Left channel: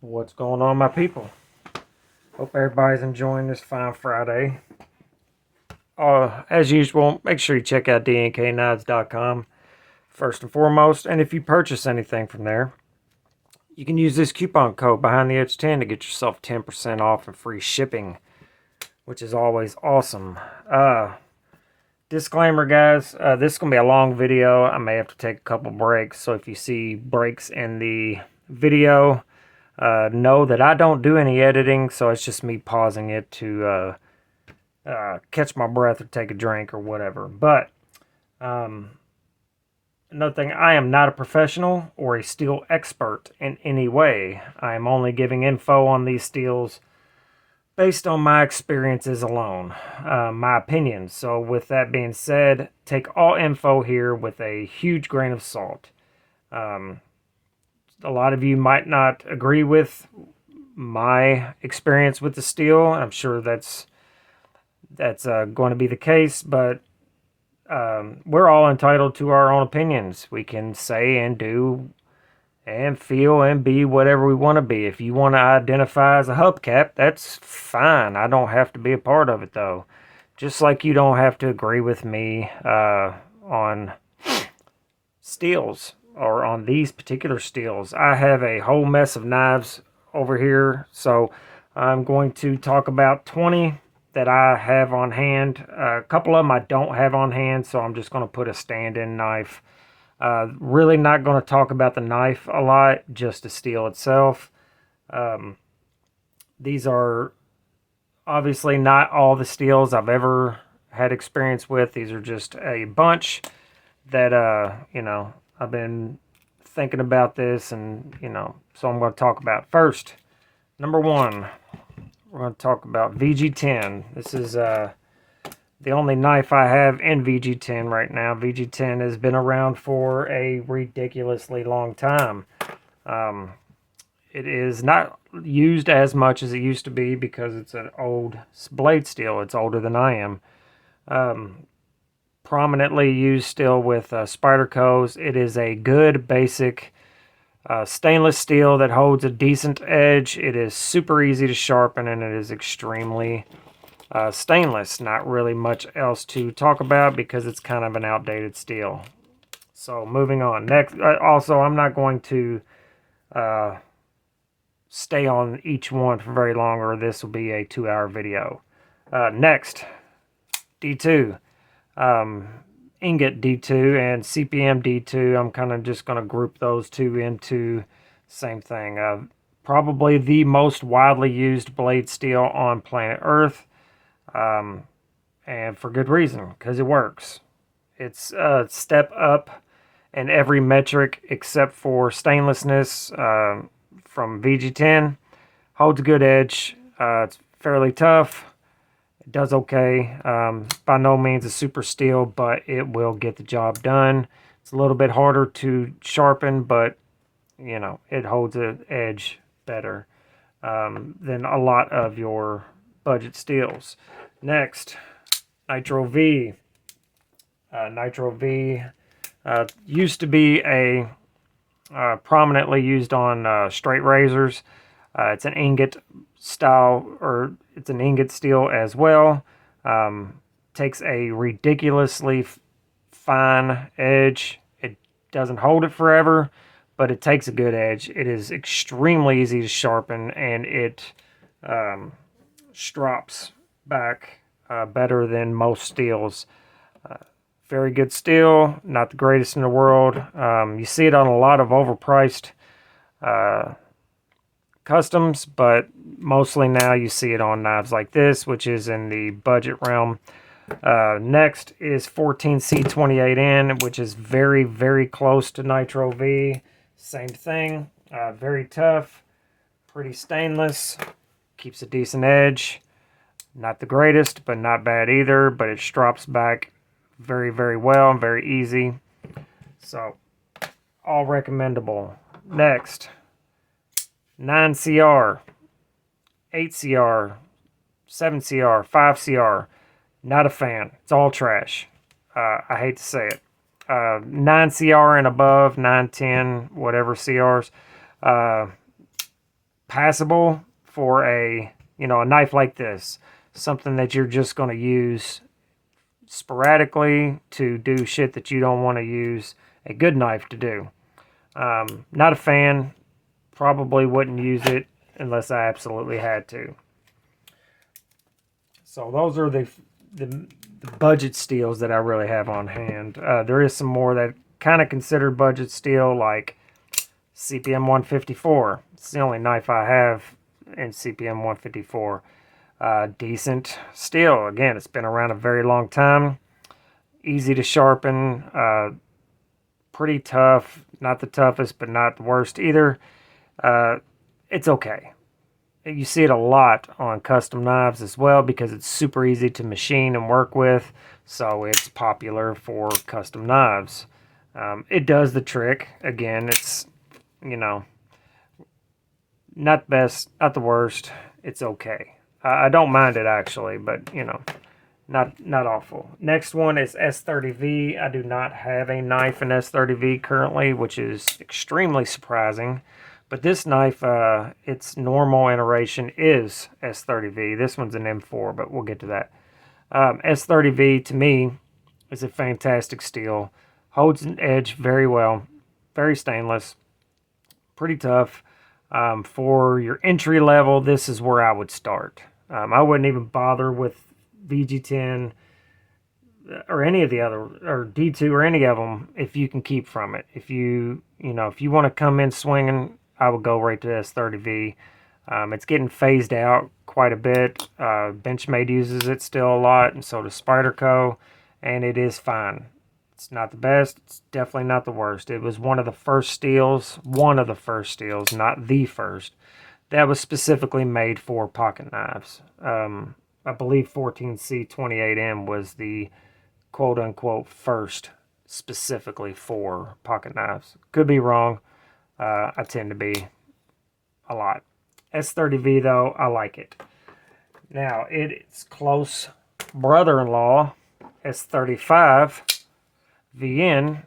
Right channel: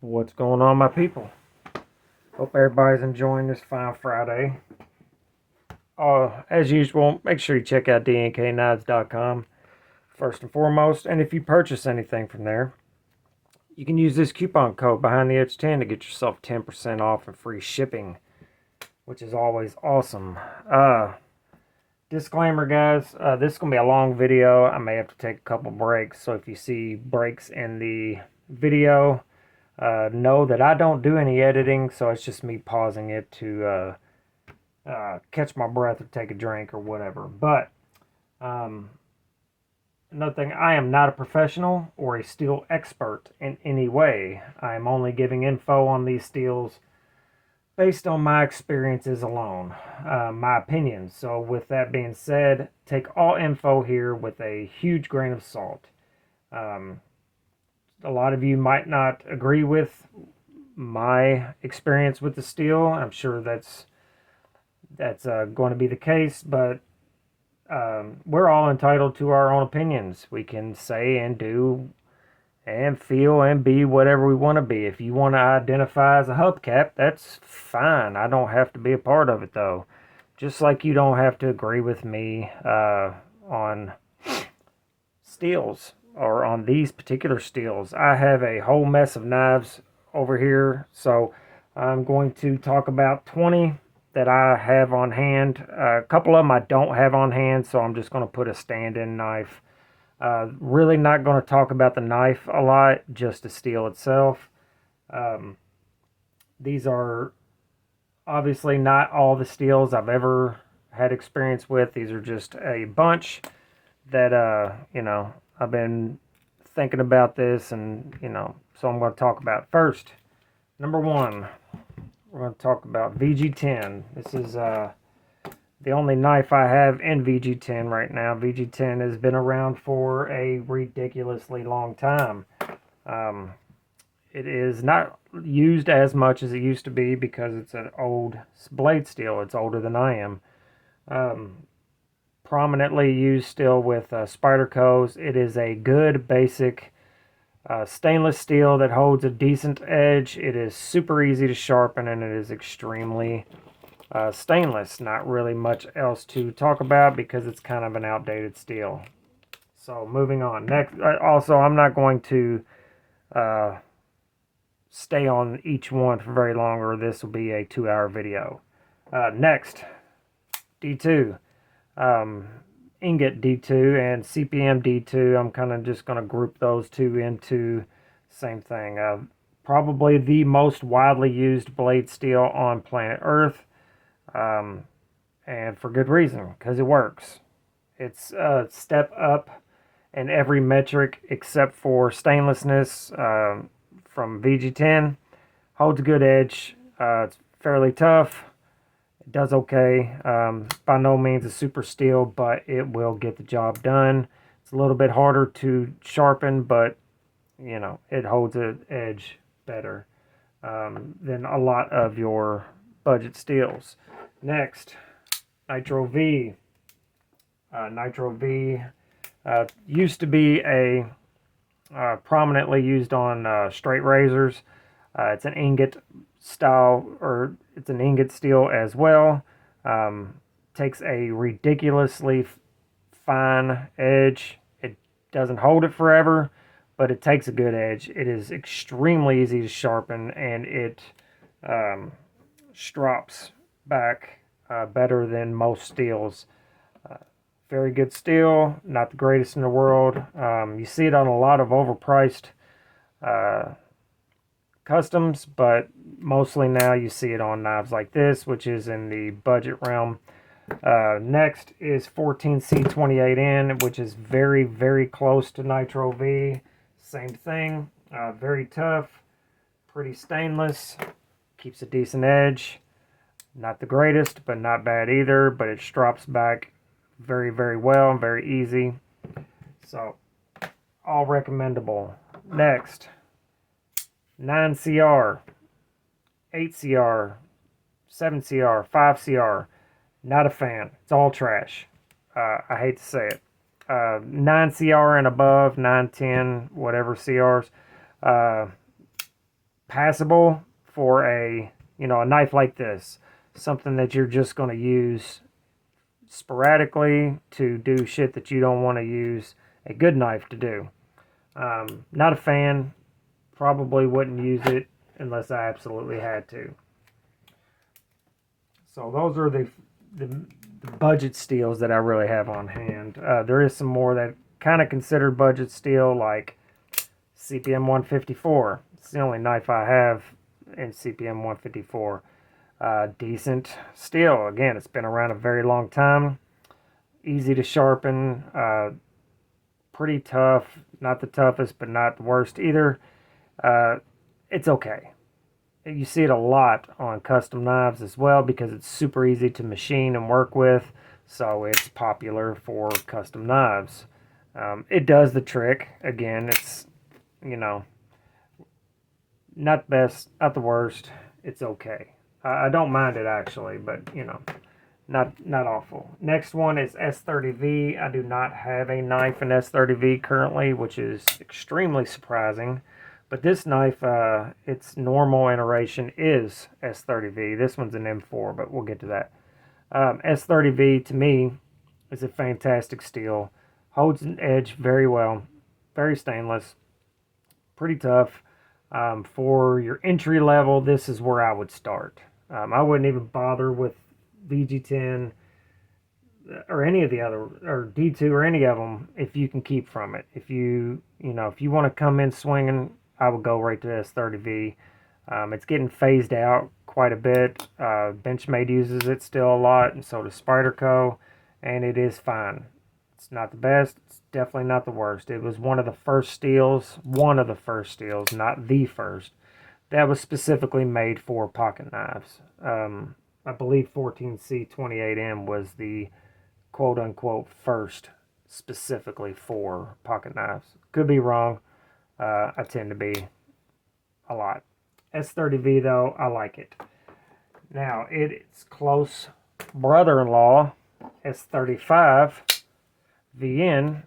What's going on, my people? Hope everybody's enjoying this fine Friday. As usual, make sure you check out DNKKnives.com first and foremost. And if you purchase anything from there, you can use this coupon code behind the edge 10 to get yourself 10% off and free shipping, which is always awesome. Disclaimer, guys, this is going to be a long video. I may have to take a couple breaks. So if you see breaks in the video, know that I don't do any editing, so it's just me pausing it to catch my breath or take a drink or whatever. But another thing, I am not a professional or a steel expert in any way. I am only giving info on these steels based on my experiences alone, my opinions. So with that being said, take all info here with a huge grain of salt. A lot of you might not agree with my experience with the steel. I'm sure that's going to be the case, but we're all entitled to our own opinions. We can say and do and feel and be whatever we want to be. If you want to identify as a hubcap, that's fine. I don't have to be a part of it, though. Just like you don't have to agree with me on steels or on these particular steels. I have a whole mess of knives over here, so I'm going to talk about 20 that I have on hand. A couple of them I don't have on hand, so I'm just going to put a stand-in knife. Really not going to talk about the knife a lot, just the steel itself. These are obviously not all the steels I've ever had experience with. These are just a bunch that, I've been thinking about this, and, so I'm going to talk about first. Number one, we're going to talk about VG10. This is the only knife I have in VG10 right now. VG10 has been around for a ridiculously long time. It is not used as much as it used to be because it's an old blade steel. It's older than I am. Prominently used still with Spyderco's. It is a good basic stainless steel that holds a decent edge. It is super easy to sharpen, and it is extremely stainless. Not really much else to talk about because it's kind of an outdated steel. So moving on. Next, also, I'm not going to stay on each one for very long, or this will be a 2-hour video. Next, D2. Ingot D2 and CPM D2. I'm kind of just going to group those two into same thing. Probably the most widely used blade steel on planet Earth. And for good reason, because it works. It's a step up in every metric except for stainlessness from VG10. Holds a good edge. It's fairly tough. It does okay. By no means a super steel, but it will get the job done. It's a little bit harder to sharpen, but, it holds an edge better than a lot of your budget steels. Next, Nitro V. Nitro V used to be a prominently used on straight razors. It's an ingot style, or it's an ingot steel as well. Takes a ridiculously fine edge. It doesn't hold it forever, but it takes a good edge. It is extremely easy to sharpen, and it strops back better than most steels. Very good steel, not the greatest in the world. You see it on a lot of overpriced customs, but mostly now you see it on knives like this, which is in the budget realm. Next is 14C28N, which is very, very close to Nitro V. Same thing, very tough, pretty stainless, keeps a decent edge. Not the greatest, but not bad either, but it strops back very, very well and very easy. So, all recommendable. Next, 9CR, 8CR, 7CR, 5CR. Not a fan. It's all trash. I hate to say it. 9CR and above, 9, 10, whatever CRs. passable for a, you know, a knife like this. Something that you're just going to use sporadically to do shit that you don't want to use a good knife to do. Not a fan. Probably wouldn't use it unless I absolutely had to. So those are the budget steels that I really have on hand. There is some more that kind of considered budget steel, like CPM 154. It's the only knife I have in CPM 154. Decent steel. Again, it's been around a very long time. Easy to sharpen. Pretty tough. Not the toughest, but not the worst either. It's okay. You see it a lot on custom knives as well because it's super easy to machine and work with. So it's popular for custom knives. It does the trick. Again, it's, you know, not best, not the worst. It's okay. I don't mind it actually, but you know, not awful. Next one is S30V. I do not have a knife in S30V currently, which is extremely surprising. But this knife, its normal iteration is S30V. This one's an M4, but we'll get to that. S30V to me is a fantastic steel. Holds an edge very well. Very stainless. Pretty tough. For your entry level, this is where I would start. I wouldn't even bother with VG10 or any of the other, or D2 or any of them if you can keep from it. If you want to come in swinging, I would go right to S30V. It's getting phased out quite a bit. Benchmade uses it still a lot, and so does Spyderco, and it is fine. It's not the best. It's definitely not the worst. It was one of the first steels, not the first, that was specifically made for pocket knives. I believe 14C28M was the quote-unquote first specifically for pocket knives. Could be wrong. I tend to be a lot. S30V, though, I like it. Now, its close brother-in-law, S35 VN,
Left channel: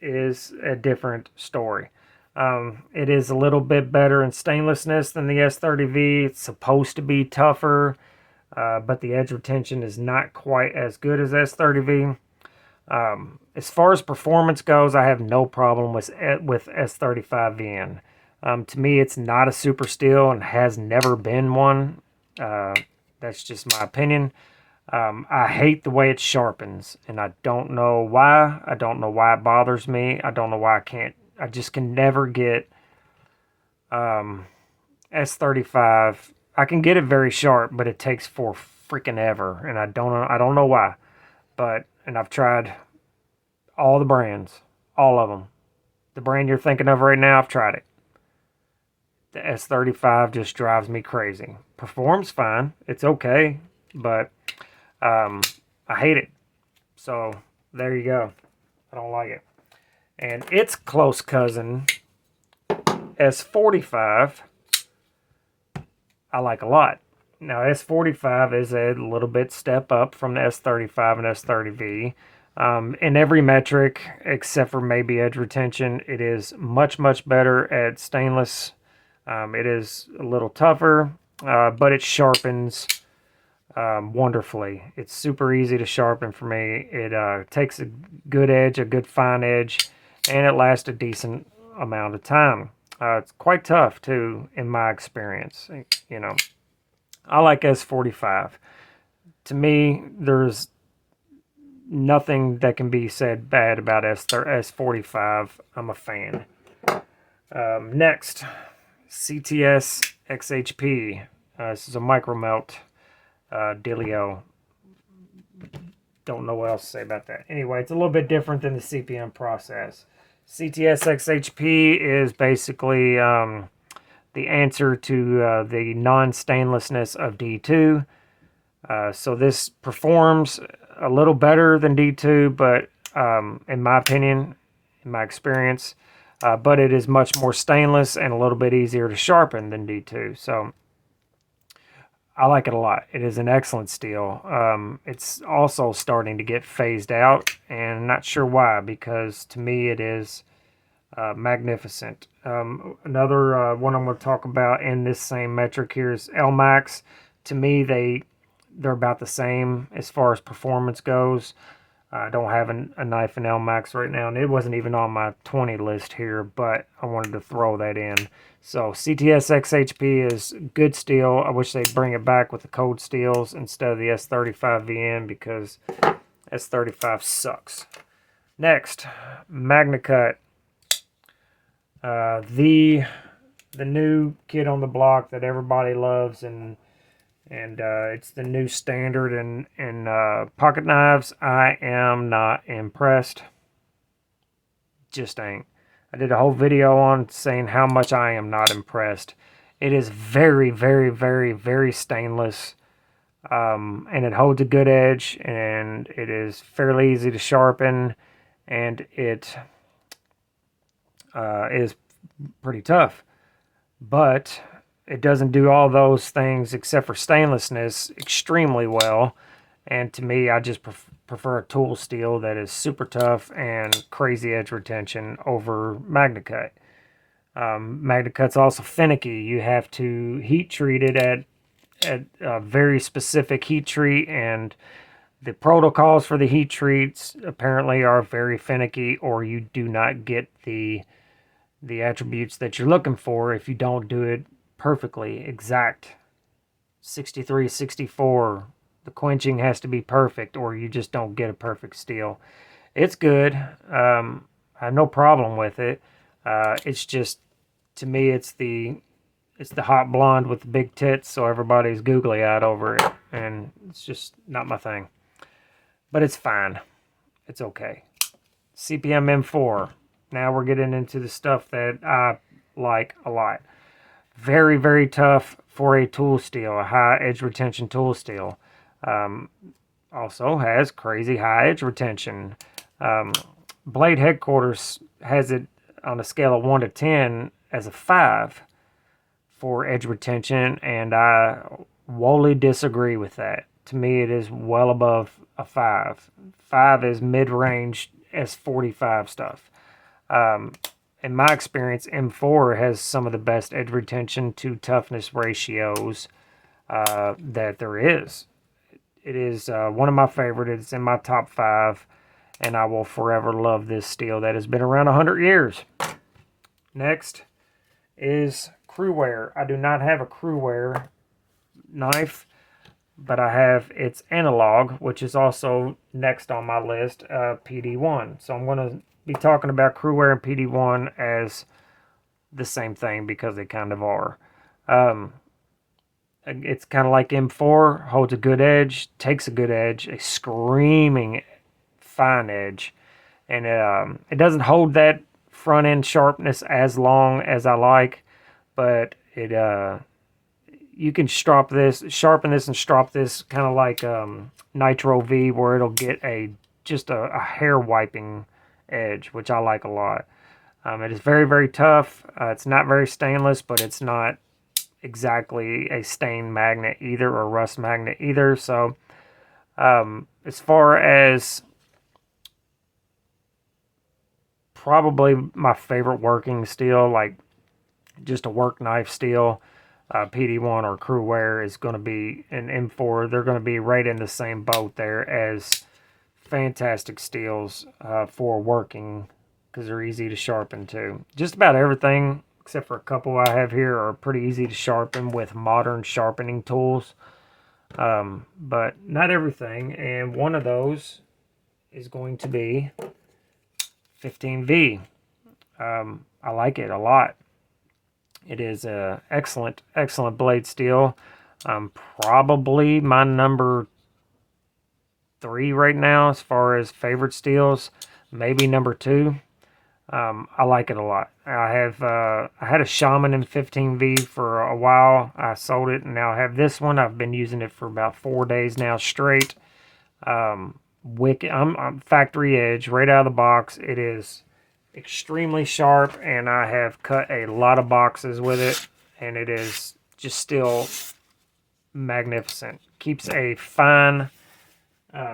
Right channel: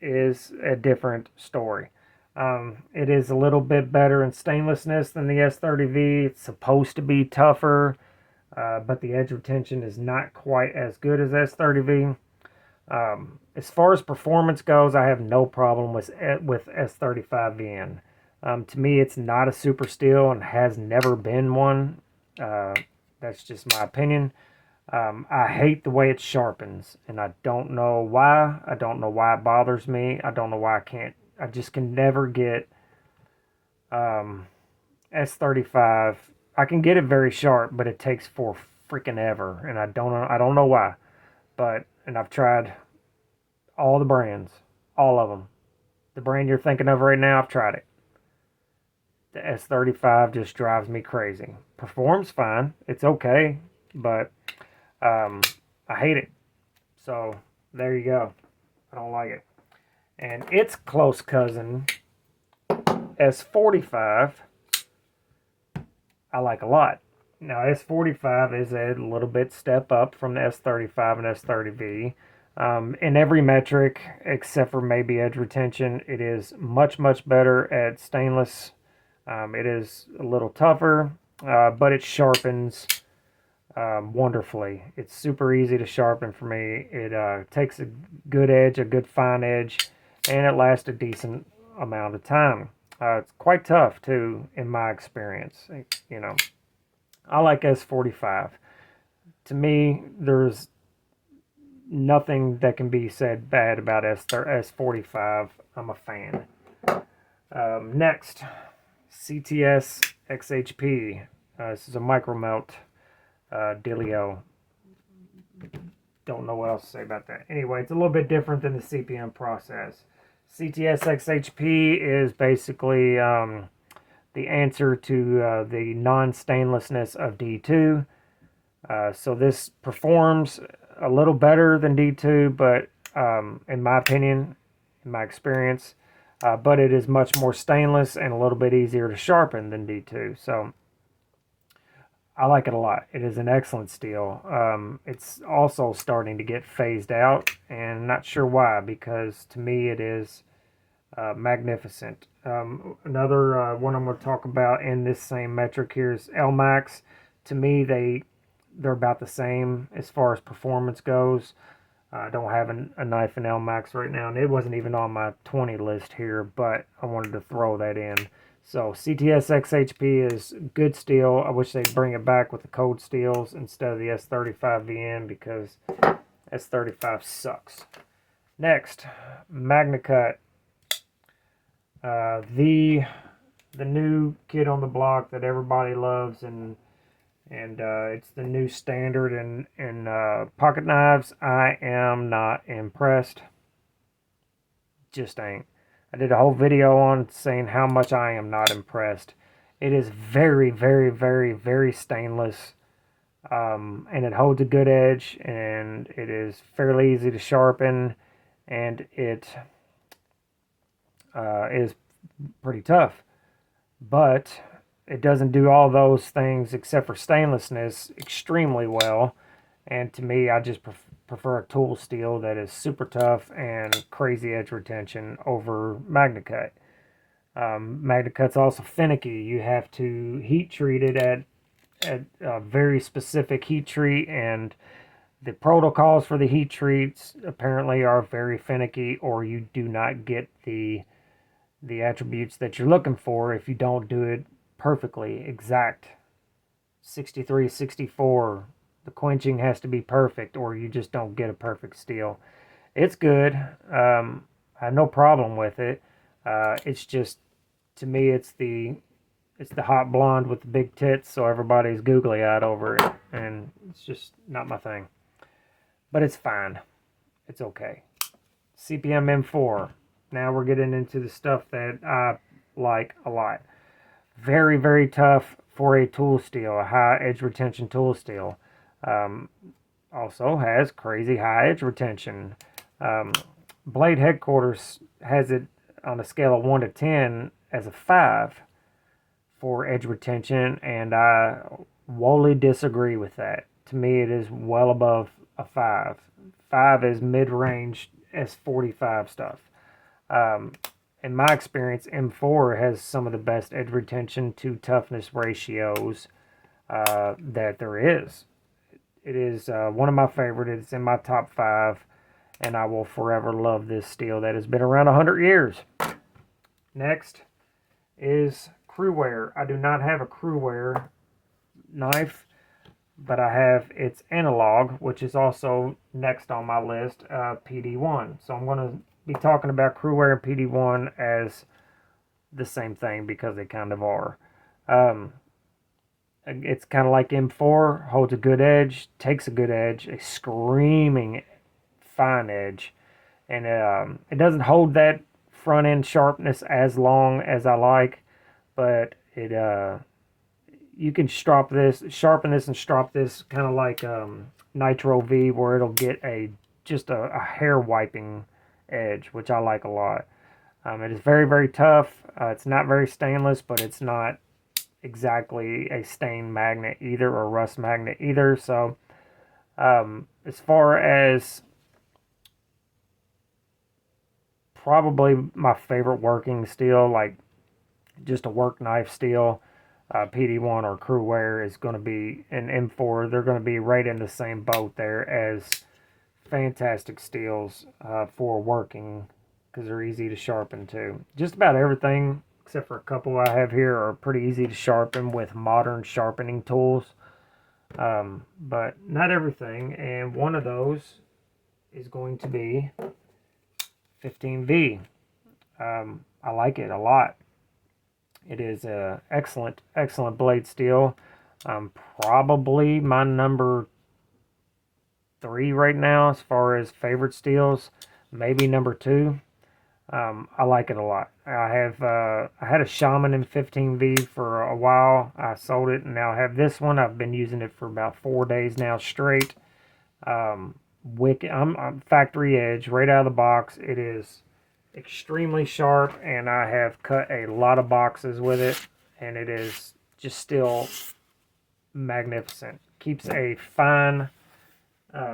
is a different story. It is a little bit better in stainlessness than the S30V. It's supposed to be tougher, but the edge retention is not quite as good as S30V. As far as performance goes, I have no problem with S35VN. To me, it's not a super steel and has never been one. That's just my opinion. I hate the way it sharpens, and I don't know why. I don't know why it bothers me. I don't know why I just can never get S35. I can get it very sharp, but it takes for freaking ever, and I don't know why. And I've tried all the brands, all of them. The brand you're thinking of right now, I've tried it. The S35 just drives me crazy. Performs fine, it's okay, but I hate it. So there you go. I don't like it. And its close cousin, S45, I like a lot. Now, S45 is a little bit step up from the S35 and S30V. In every metric, except for maybe edge retention, it is much, much better at stainless. It is a little tougher, but it sharpens wonderfully. It's super easy to sharpen for me. It takes a good edge, a good fine edge, and it lasts a decent amount of time. It's quite tough, too, in my experience. You know, I like S45. To me, there's nothing that can be said bad about S45. I'm a fan. Next, CTS XHP. This is a micro melt dealio. Don't know what else to say about that. Anyway, it's a little bit different than the CPM process. CTS XHP is basically the answer to the non-stainlessness of D2. So this performs a little better than D2, but in my opinion, in my experience, but it is much more stainless and a little bit easier to sharpen than D2. So I like it a lot. It is an excellent steel. It's also starting to get phased out, and I'm not sure why, because to me it is magnificent. Another one I'm going to talk about in this same metric here is Elmax. To me, they're about the same as far as performance goes. I don't have a knife in Elmax right now, and it wasn't even on my 20 list here, but I wanted to throw that in. So CTS XHP is good steel. I wish they'd bring it back with the cold steels instead of the S35 VN, because S35 sucks. Next, Magnacut. The new kid on the block that everybody loves, and it's the new standard in pocket knives. I am not impressed. Just ain't. I did a whole video on saying how much I am not impressed. It is very, very, very, very stainless, and it holds a good edge, and it is fairly easy to sharpen, and it is pretty tough. But it doesn't do all those things except for stainlessness extremely well. And to me, I just prefer a tool steel that is super tough and crazy edge retention over Magnacut. Magnacut's also finicky. You have to heat treat it at a very specific heat treat, and the protocols for the heat treats apparently are very finicky, or you do not get the attributes that you're looking for if you don't do it perfectly exact. 63, 64. The quenching has to be perfect, or you just don't get a perfect steel. It's good. I have no problem with it. It's just, to me, it's the hot blonde with the big tits, so everybody's googly eyed over it, and it's just not my thing. But it's fine. It's okay. CPM M4. Now we're getting into the stuff that I like a lot. Very, very tough for a tool steel, a high edge retention tool steel. Also has crazy high edge retention. Blade Headquarters has it on a scale of 1 to 10 as a 5 for edge retention, and I wholly disagree with that. To me, it is well above a 5. 5 is mid-range S45 stuff. In my experience, M4 has some of the best edge retention to toughness ratios that there is. It is one of my favorites. It's in my top 5, and I will forever love this steel that has been around 100 years. Next is Crewear. I do not have a Crewear knife, but I have its analog, which is also next on my list, PD1. So I'm going to be talking about Crewear and PD1 as the same thing, because they kind of are. It's kind of like M4, holds a good edge, takes a good edge, a screaming fine edge, and it doesn't hold that front end sharpness as long as I like, but it you can sharpen this and strop this kind of like Nitro V, where it'll get just a hair wiping edge, which I like a lot. It is very, very tough. It's not very stainless, but it's not exactly a stain magnet either, or rust magnet either. So as far as probably my favorite working steel, like just a work knife steel, PD1 or Crewear is going to be an M4. They're going to be right in the same boat there as fantastic steels for working, because they're easy to sharpen too. Just about everything except for a couple I have here are pretty easy to sharpen with modern sharpening tools, but not everything, and one of those is going to be 15V. I like it a lot. It is a excellent blade steel. Probably my number 3 right now as far as favorite steels, maybe number 2. I like it a lot. I had a Shaman in 15V for a while. I sold it, and now I have this one. I've been using it for about 4 days now straight. Wicked. I'm factory edge right out of the box. It is extremely sharp, and I have cut a lot of boxes with it, and it is just still magnificent. Keeps a fine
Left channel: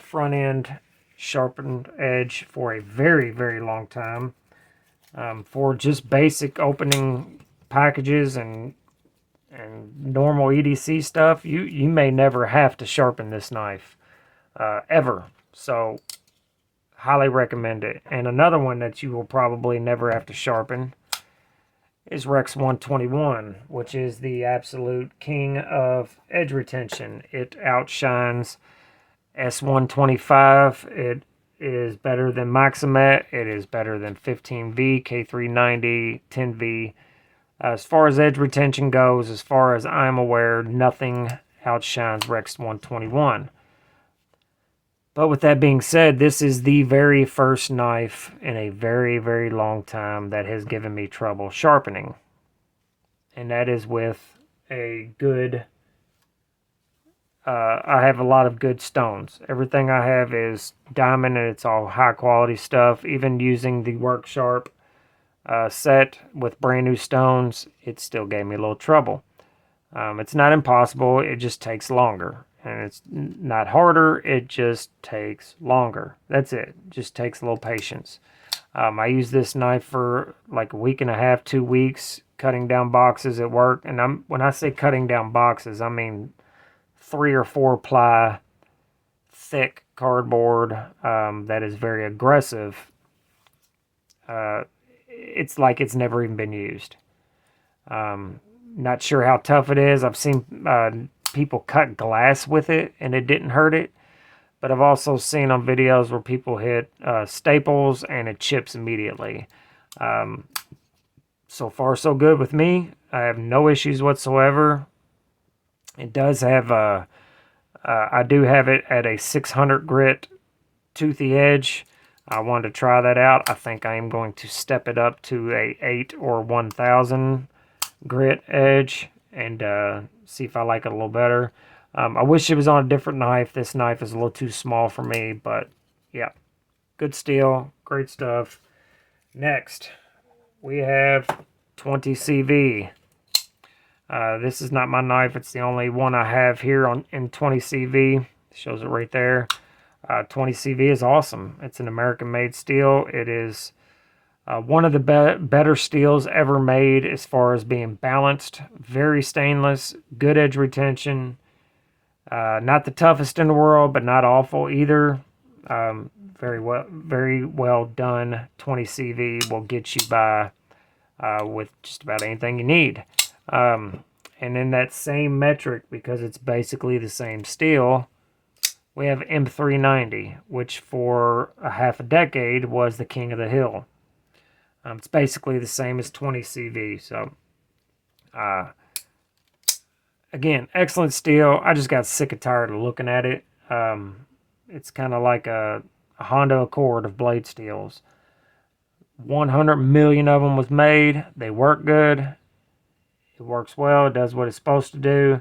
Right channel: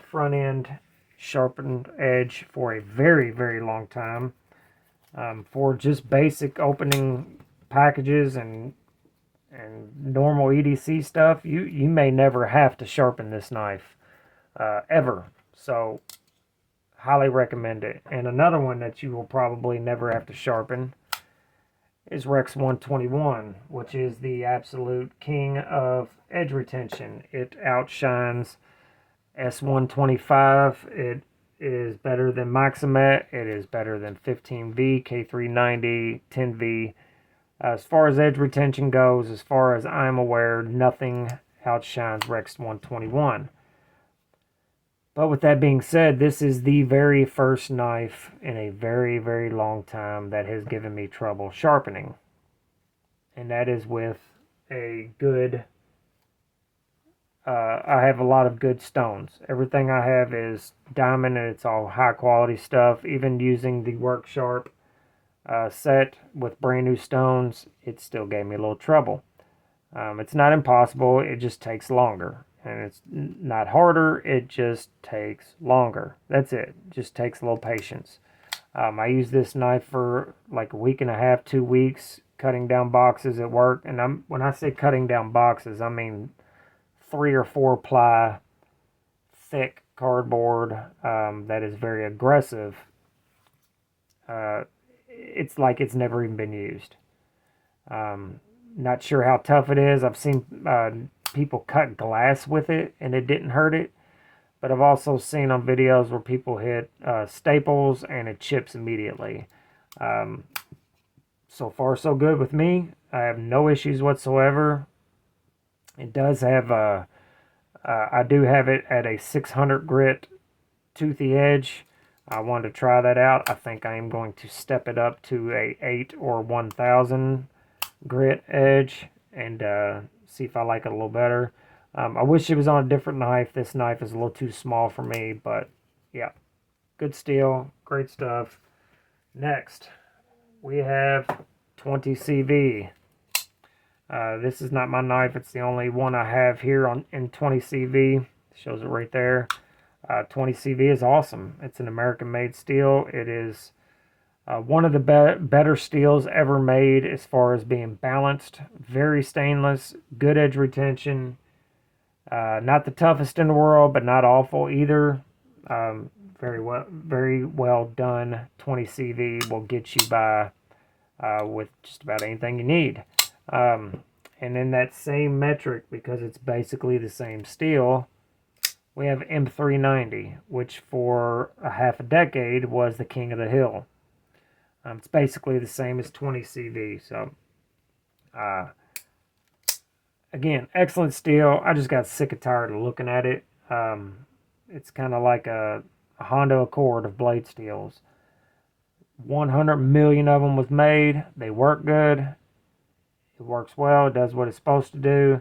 front end sharpened edge for a very, very long time. For just basic opening packages and normal EDC stuff, you may never have to sharpen this knife ever. So highly recommend it. And another one that you will probably never have to sharpen is Rex 121, which is the absolute king of edge retention. It outshines S125. It is better than Maximet. It is better than 15V, K390, 10V. As far as edge retention goes, as far as I'm aware, nothing outshines Rex 121. But with that being said, this is the very first knife in a very, very long time that has given me trouble sharpening. And that is with a good... I have a lot of good stones. Everything I have is diamond, and it's all high quality stuff. Even using the Work Sharp set with brand new stones, it still gave me a little trouble. It's not impossible, it just takes longer. And it's not harder, it just takes longer. That's it. Just takes a little patience. I used this knife for like a week and a half, 2 weeks, cutting down boxes at work. And when I say cutting down boxes, I mean 3 or 4 ply thick cardboard that is very aggressive. It's like it's never even been used. Not sure how tough it is. I've seen people cut glass with it and it didn't hurt it. But I've also seen on videos where people hit staples and it chips immediately. So far, so good with me. I have no issues whatsoever. It does have I do have it at a 600 grit toothy edge. I wanted to try that out. I think I am going to step it up to a 8 or 1000 grit edge and see if I like it a little better. I wish it was on a different knife. This knife is a little too small for me, but yeah, good steel, great stuff. Next, we have 20CV. This is not my knife. It's the only one I have here in 20CV. Shows it right there. 20CV is awesome. It's an American-made steel. It is one of the better steels ever made as far as being balanced. Very stainless, good edge retention. Not the toughest in the world, but not awful either. Very well done. 20CV will get you by with just about anything you need. And in that same metric, because it's basically the same steel, we have M390, which for a half a decade was the king of the hill. It's basically the same as 20CV. So, again, excellent steel. I just got sick and tired of looking at it. It's kind of like a Honda Accord of blade steels. 100 million of them was made. They work good. It works well. It does what it's supposed to do.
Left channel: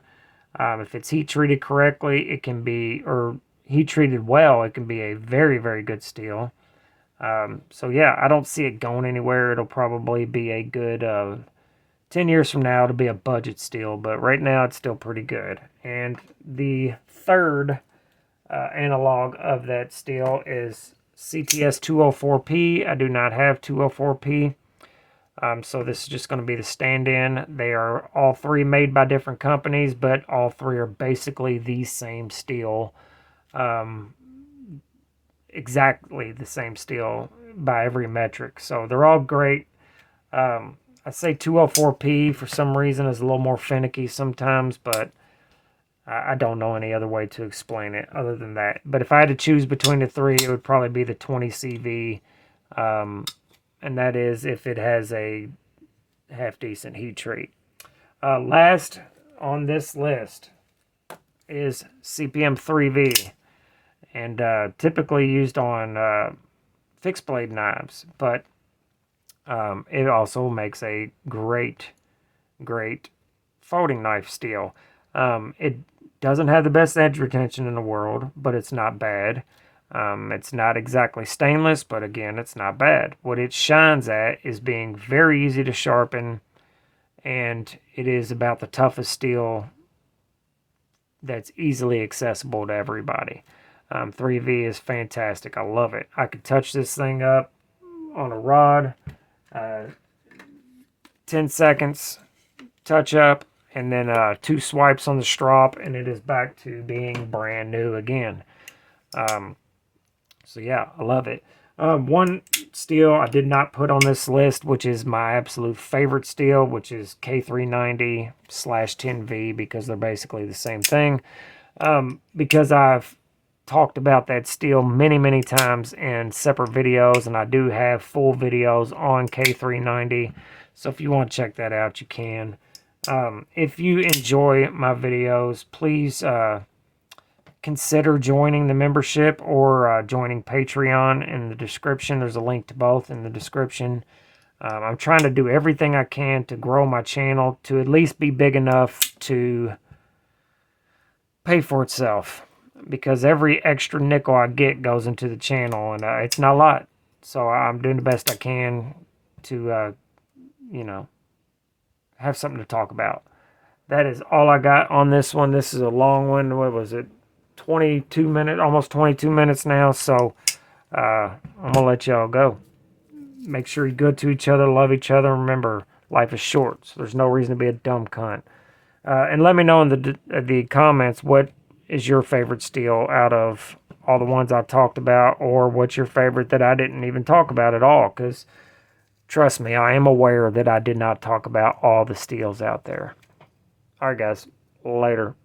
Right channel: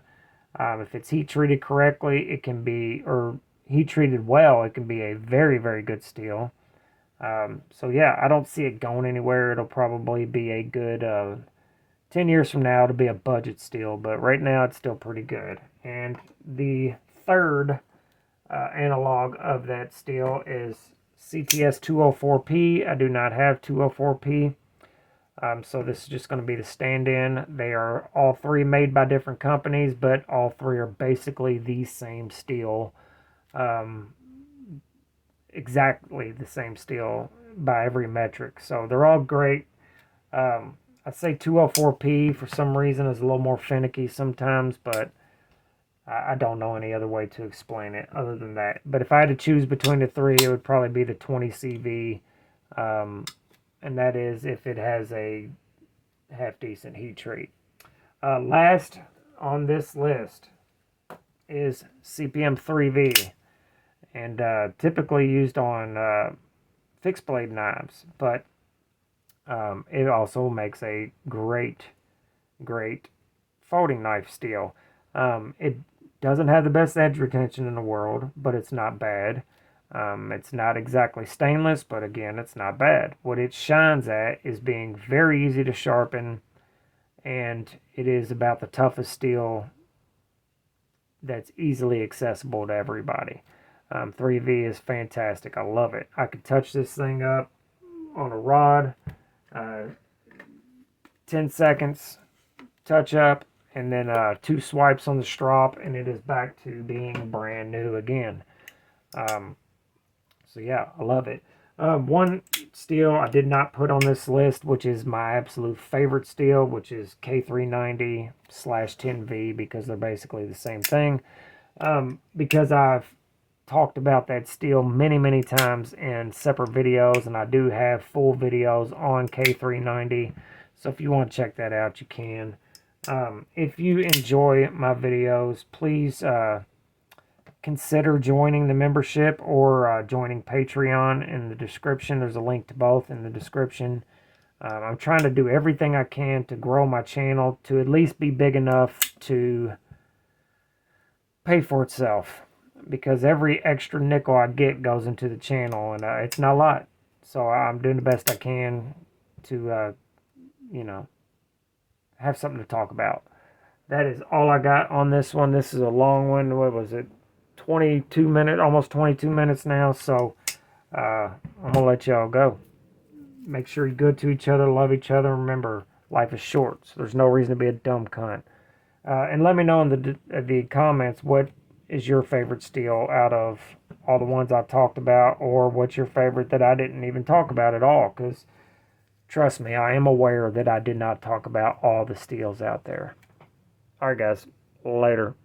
If it's heat treated correctly, it can be, or heat treated well, it can be a very, very good steel. So yeah, I don't see it going anywhere. It'll probably be a good 10 years from now, it'll be a budget steel, but right now it's still pretty good. And the third analog of that steel is CTS 204P. I do not have 204P. So this is just going to be the stand-in. They are all three made by different companies, but all three are basically the same steel. Exactly the same steel by every metric. So they're all great. I say 204P for some reason is a little more finicky sometimes, but I don't know any other way to explain it other than that. But if I had to choose between the three, it would probably be the 20CV. And that is if it has a half-decent heat treat. Last on this list is CPM 3V. And typically used on fixed blade knives. But it also makes a great folding knife steel. It doesn't have the best edge retention in the world, but it's not bad. It's not exactly stainless, but again, it's not bad. What it shines at is being very easy to sharpen, and it is about the toughest steel that's easily accessible to everybody. 3V is fantastic. I love it. I could touch this thing up on a rod 10 seconds, touch up, and then 2 swipes on the strop, and it is back to being brand new again. So yeah, I love it. One steel I did not put on this list, which is my absolute favorite steel, which is K390/10V, because they're basically the same thing. Because I've talked about that steel many times in separate videos, and I do have full videos on K390. So if you want to check that out, you can. If you enjoy my videos, please consider joining the membership or joining Patreon in the description. There's a link to both in the description. I'm trying to do everything I can to grow my channel to at least be big enough to pay for itself, because every extra nickel I get goes into the channel, and it's not a lot. So I'm doing the best I can to, you know, have something to talk about. That is all I got on this one. This is a long one. What was it? 22 minutes, almost 22 minutes now. So I'm going to let y'all go. Make sure you're good to each other, love each other. Remember, life is short, so there's no reason to be a dumb cunt. And let me know in the comments what is your favorite steel out of all the ones I talked about, or what's your favorite that I didn't even talk about at all, because trust me, I am aware that I did not talk about all the steels out there. All right, guys. Later.